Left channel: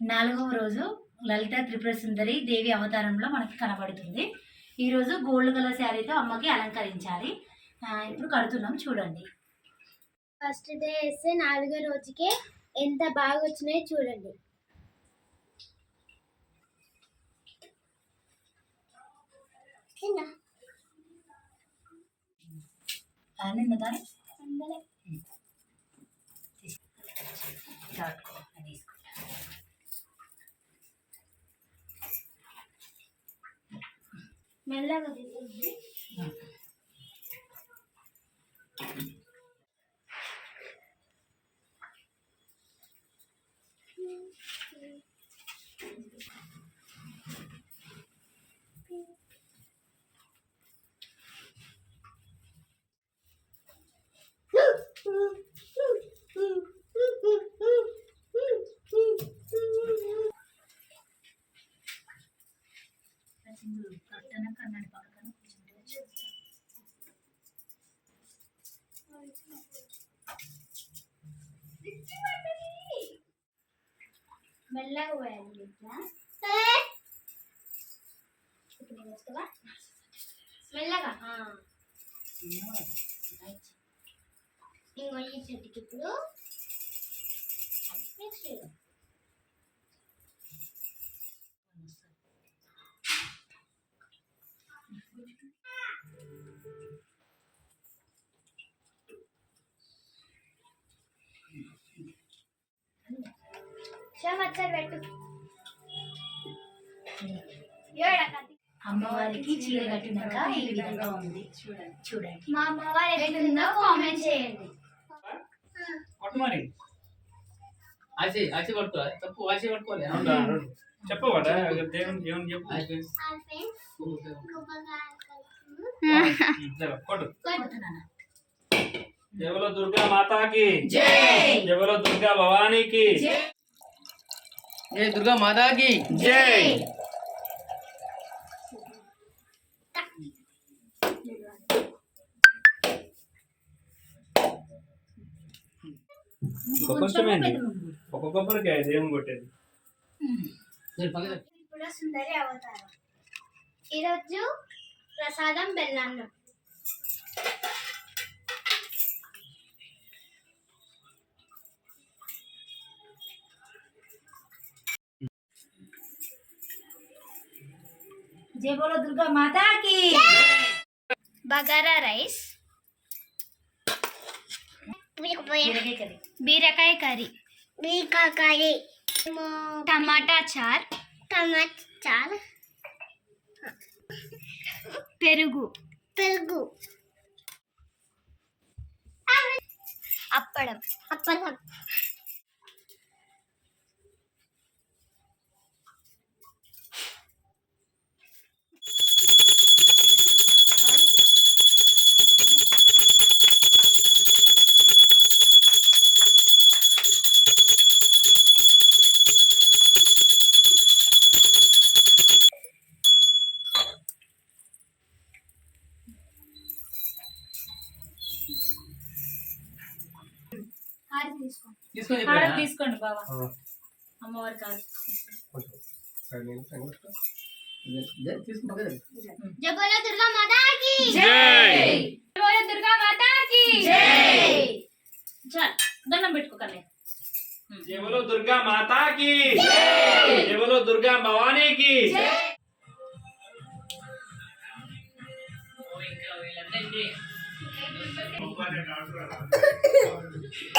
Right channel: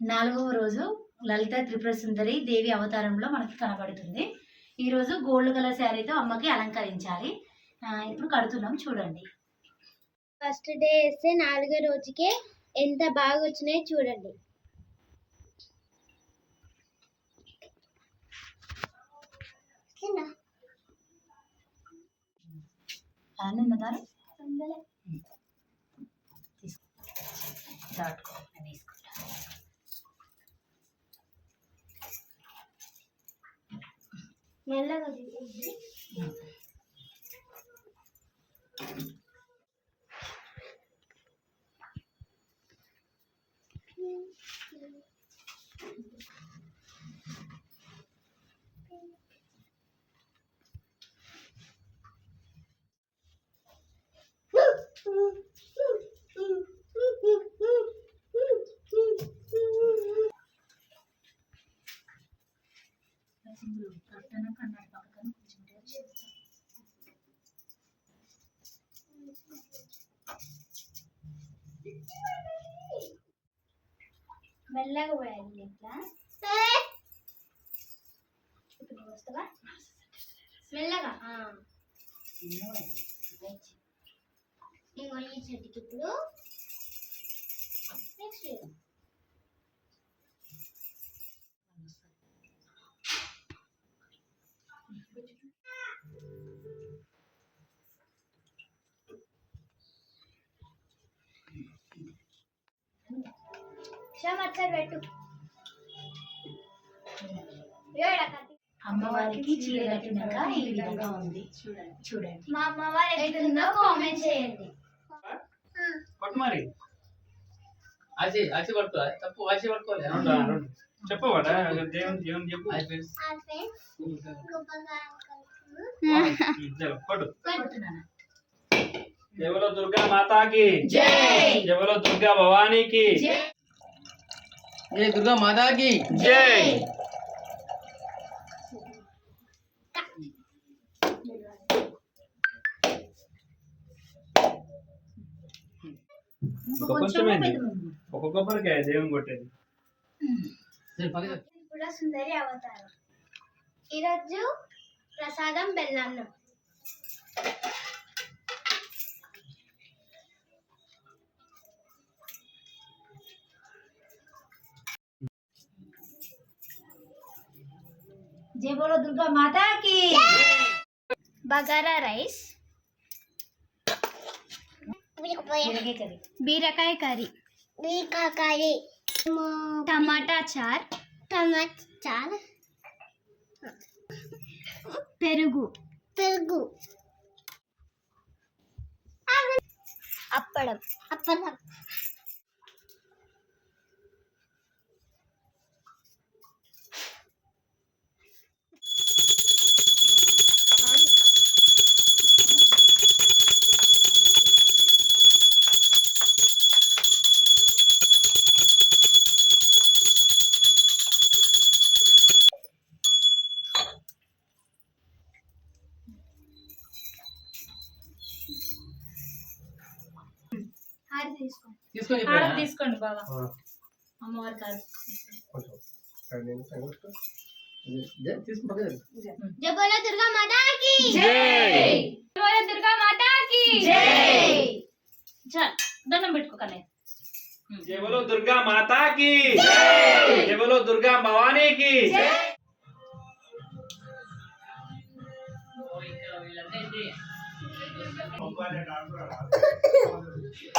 నాలుగవ రోజు లలిత త్రిపుర సుందరి దేవి అవతారంలో మనకి కనబడుతుంది. ఈరోజు గోల్డ్ కలర్ శారీతో అమ్మకి అలంకరించాలి. ఇప్పుడు కడుతున్నాం చూడండి. ఫస్ట్ డే వేస్తే నాలుగో రోజుకే ఎంత బాగా వచ్చినాయో చూడండి. అలానే ఉన్నదారా మెల్లగా తీసేయండి. మెల్లగా పోయాలి ఇట్లా ఇప్పుడు వస్తావా? మెల్లగా. ఇంకో ఈ చెట్టుకి ఇప్పుడు నెక్స్ట్ అమ్మవారికి చీర కట్టినాక ఈ విధంగా ఉంది. చూడండి. చూడండి. మా అమ్మవారు ఎట్లుందో కామెంట్ చేయండి. పట్టు మరి. ఆచి ఆచి పట్టుకో. తప్పు ఆచి పట్టుకోలే. చెప్పవాడా దేవుని దేవుని చెప్పు. జవలో దుర్గా మాతాకి. జై. జవలో దుర్గా భవానీకి. ఏ దుర్గా మాతాకి? జై. ఒక కొబ్బరికాయ దేవుని కొట్టేది. ఇప్పుడు సుందరి అవతారం. ఈరోజు ప్రసాదం బెల్లన్నం జై బోలో దుర్గా మాతాకి బగారా రైస్ బీరకాయ కర్రీ బీరకాయ కర్రీ బీరకాయ టమాటా చార్ టమాటా చార్ పెరుగు పెరుగు అప్పడం అప్పడం తీసుకొని ఆడ? తీసుకోండి బాబా అమ్మవారి కాదు. జయ బోలో దుర్గా మాతాకి. జై. బోలో దుర్గా మాతాకి. చాలు దండం పెట్టుకో కన్నయ్య. జవలో దుర్గా మాతాకి. జవలో దుర్గా భవానీకి. ఓ, ఇంకా వీళ్ళందరికీ.